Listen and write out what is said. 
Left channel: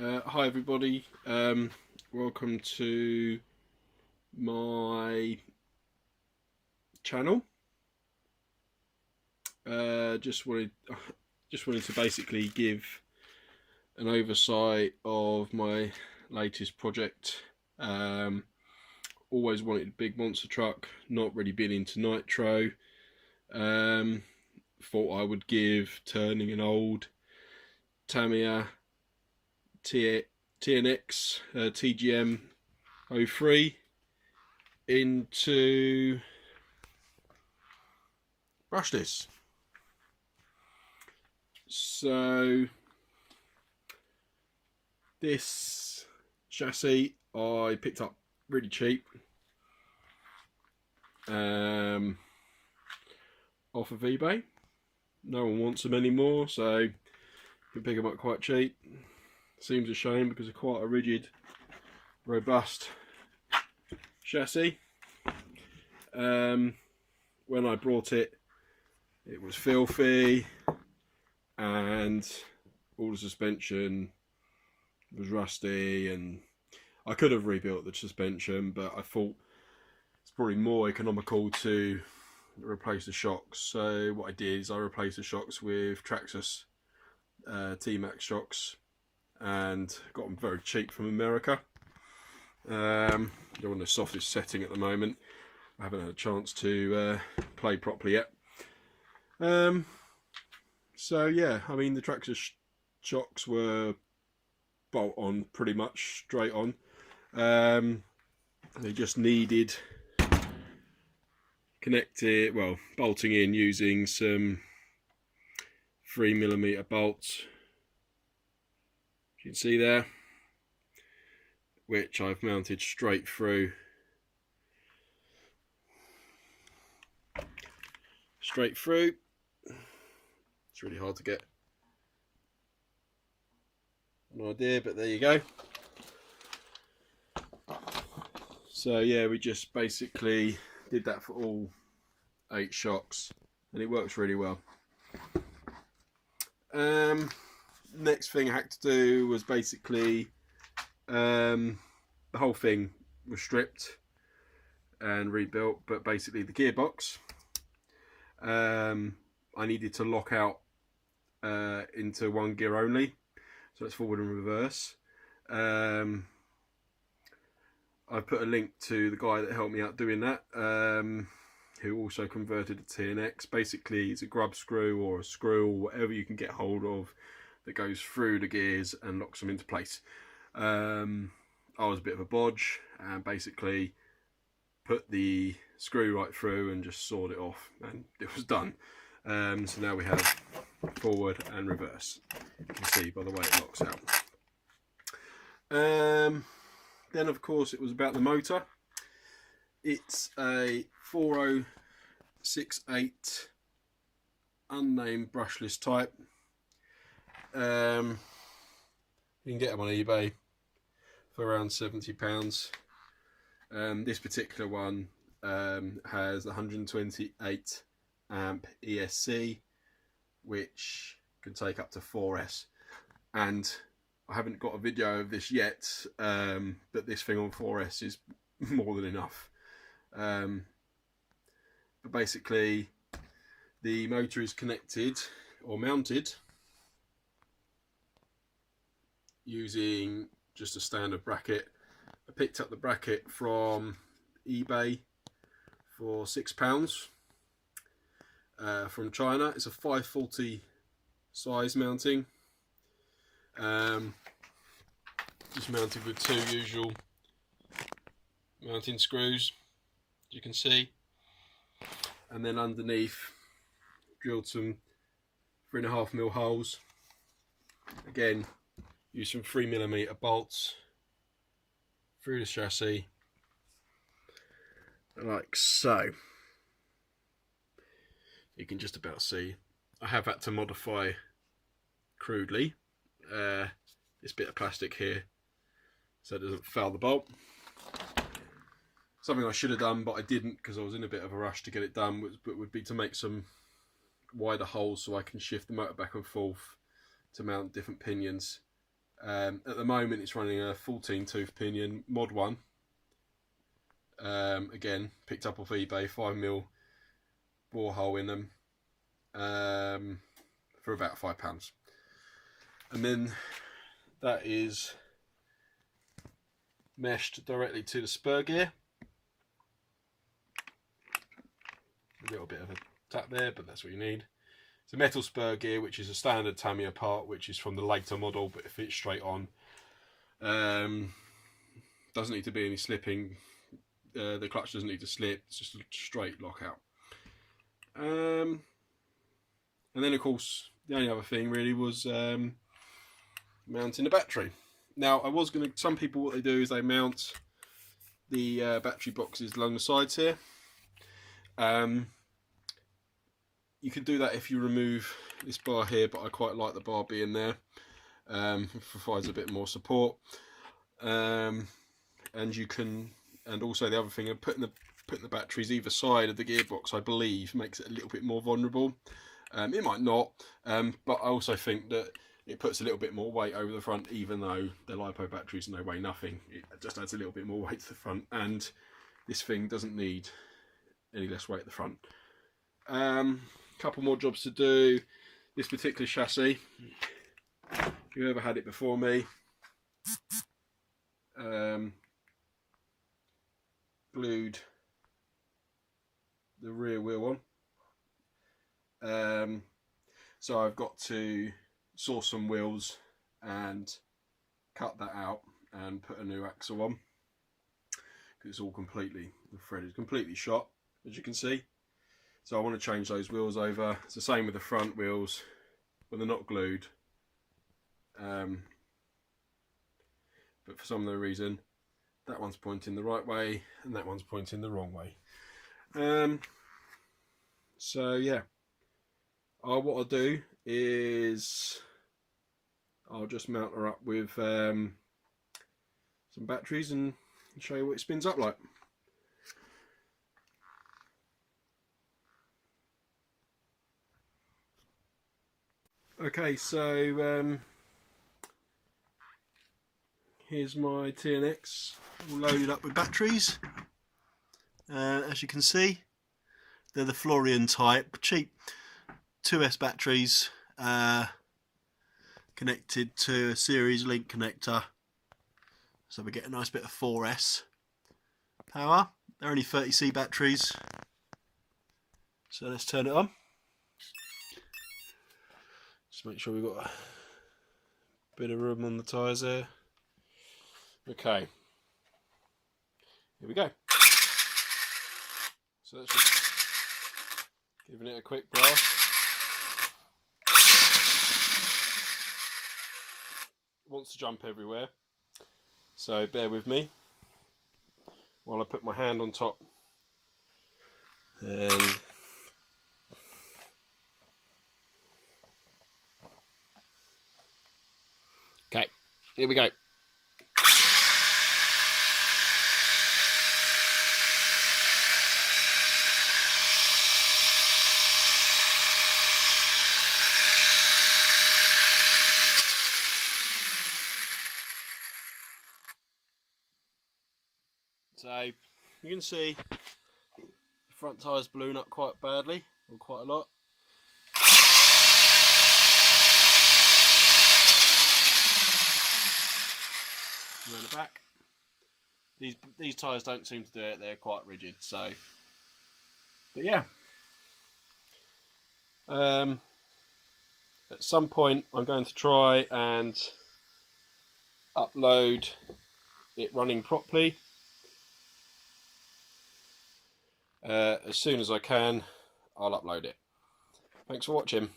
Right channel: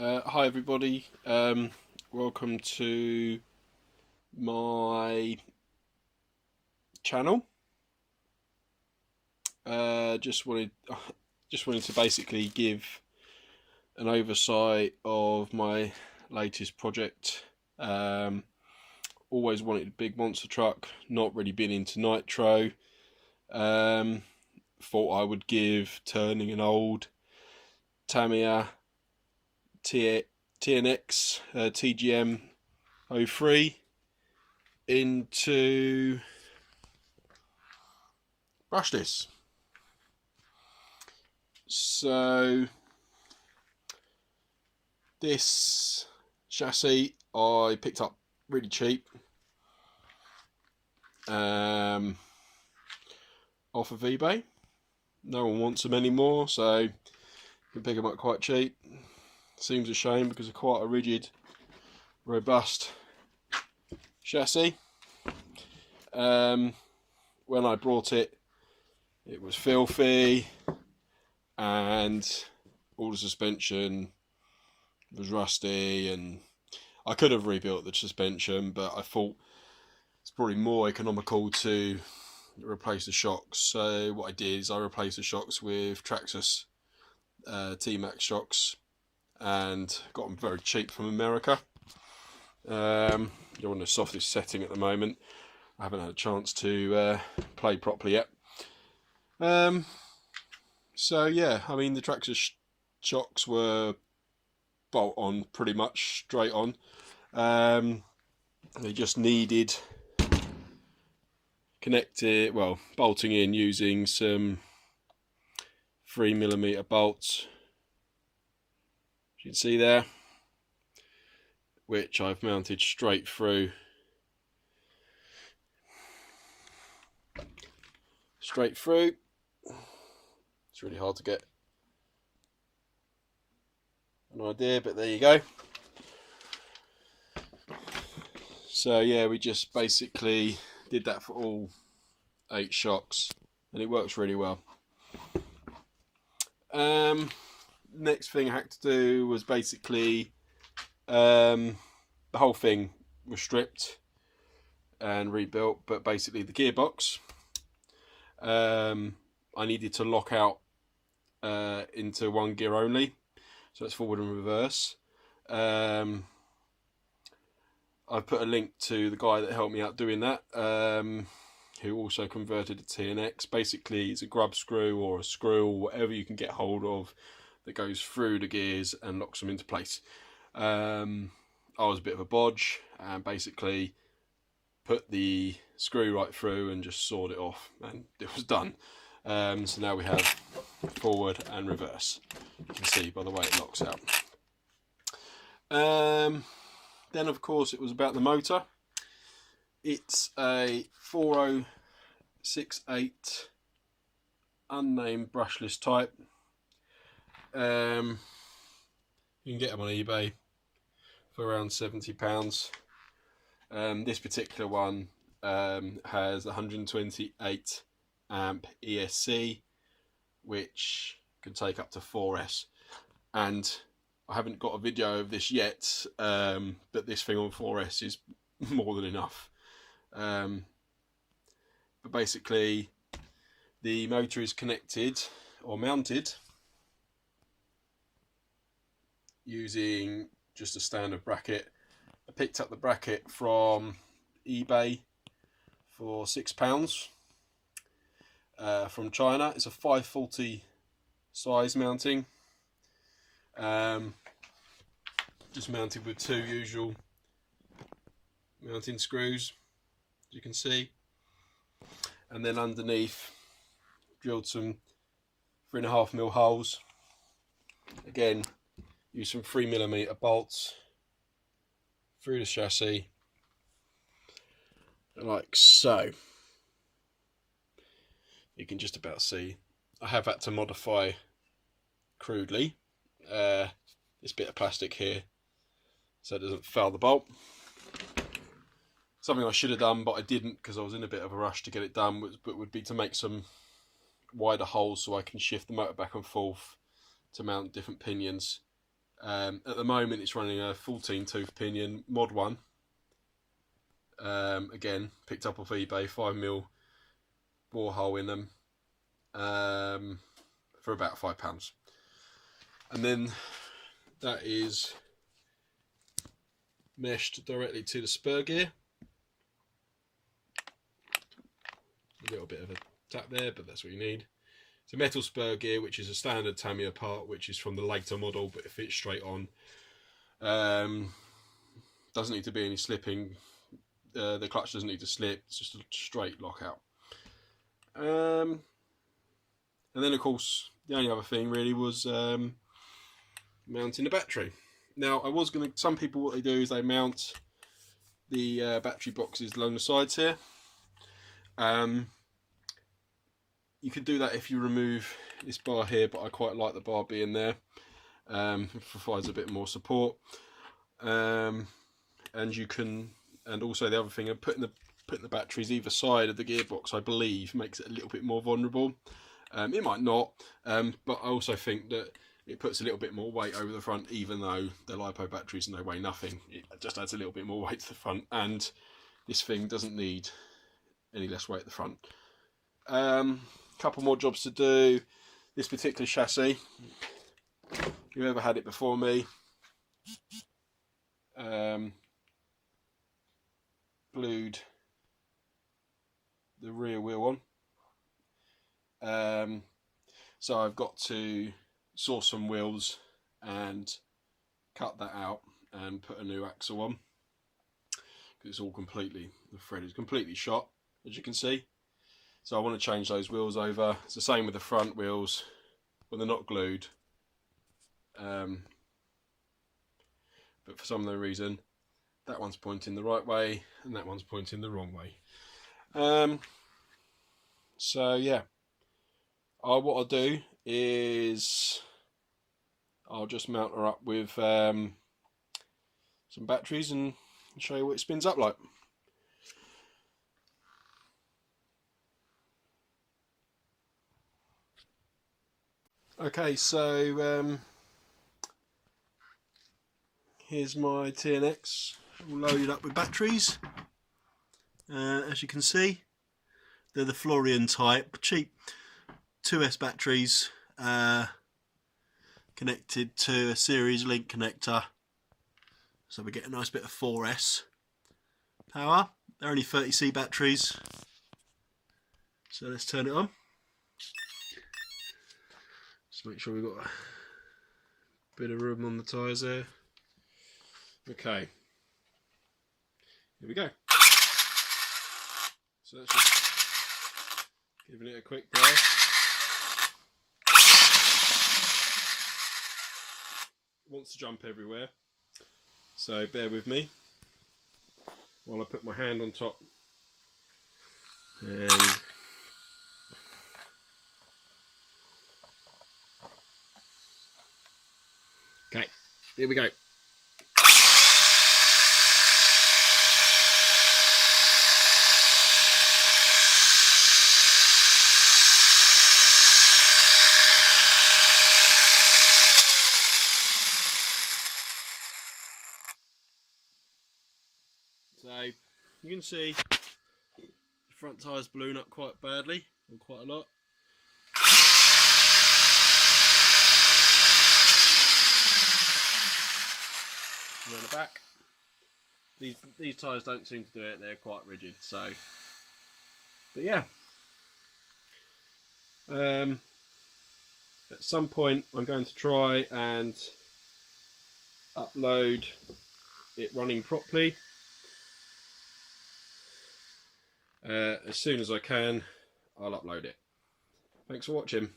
Hi everybody, welcome to my channel. Just wanted to basically give an oversight of my latest project. Always wanted a big monster truck, not really been into nitro. Thought I would give turning an old Tamiya TNX TGM 03 into brushless. So this chassis I picked up really cheap off of eBay. No one wants them anymore, so you can pick them up quite cheap. Seems a shame because they're quite a rigid, robust chassis. When I brought it, it was filthy and all the suspension was rusty, and I could have rebuilt the suspension, but I thought it's probably more economical to replace the shocks. So what I did is I replaced the shocks with Traxxas T-Max shocks, and got them very cheap from America. They're on the softest setting at the moment. I haven't had a chance to play properly yet. So yeah, I mean the Traxxas shocks were bolt on, pretty much straight on. They just needed bolting in using some 3mm bolts, you can see there, which I've mounted straight through. It's really hard to get an idea, but there you go. So yeah, we just basically did that for all 8 shocks, and it works really well. Next thing I had to do was basically the whole thing was stripped and rebuilt, but basically the gearbox I needed to lock out into one gear only, so it's forward and reverse. I've put a link to the guy that helped me out doing that, who also converted a TNX. Basically it's a grub screw or a screw or whatever you can get hold of that goes through the gears and locks them into place. I was a bit of a bodge and basically put the screw right through and just sawed it off, and it was done. So now we have forward and reverse. You can see by the way it locks out. Then of course it was about the motor. It's a 4068 unnamed brushless type. You can get them on eBay for around £70. This particular one has 128 amp ESC, which can take up to 4S, and I haven't got a video of this yet, but this thing on 4S is more than enough. But basically the motor is connected or mounted using just a standard bracket. I picked up the bracket from eBay for £6 from China. It's a 540 size mounting, just mounted with 2 usual mounting screws, as you can see, and then underneath drilled some 3.5mm holes. Again, use some 3mm bolts through the chassis like so. You can just about see I have had to modify crudely this bit of plastic here so it doesn't foul the bolt. Something I should have done but I didn't because I was in a bit of a rush to get it done, would be to make some wider holes so I can shift the motor back and forth to mount different pinions At the moment it's running a 14 tooth pinion mod 1. Again, picked up off eBay, 5mm bore hole in them, for about £5. And then that is meshed directly to the spur gear. A little bit of a tap there, but that's what you need. It's a metal spur gear, which is a standard Tamiya part, which is from the later model, but it fits straight on. Doesn't need to be any slipping. The clutch doesn't need to slip. It's just a straight lockout. And then, of course, the only other thing really was mounting the battery. Now, I was going to. Some people, what they do is they mount the battery boxes along the sides here. You can do that if you remove this bar here, but I quite like the bar being there. It provides a bit more support, and you can. And also the other thing, putting the batteries either side of the gearbox, I believe, makes it a little bit more vulnerable. It might not, but I also think that it puts a little bit more weight over the front, even though the LiPo batteries and they weigh nothing. It just adds a little bit more weight to the front, and this thing doesn't need any less weight at the front. Couple more jobs to do. This particular chassis, whoever had it before me, glued the rear wheel on. So I've got to saw some wheels and cut that out and put a new axle on, because it's all completely, the thread is completely shot, as you can see. So I want to change those wheels over. It's the same with the front wheels when they're not glued, but for some other reason that one's pointing the right way and that one's pointing the wrong way. So yeah, what I'll do is I'll just mount her up with some batteries and show you what it spins up like. Okay, so here's my TNX all loaded up with batteries. As you can see, they're the Florian type, cheap 2S batteries, connected to a series link connector, so we get a nice bit of 4S power. They're only 30C batteries, so let's turn it on. Just make sure we've got a bit of room on the tyres there. Okay, here we go. So that's just giving it a quick blast. It wants to jump everywhere, so bear with me while I put my hand on top. And okay, here we go. So you can see the front tyre's blown up quite badly, or quite a lot. And then the back. These tyres don't seem to do it, they're quite rigid, so. But yeah. At some point I'm going to try and upload it running properly. As soon as I can, I'll upload it. Thanks for watching.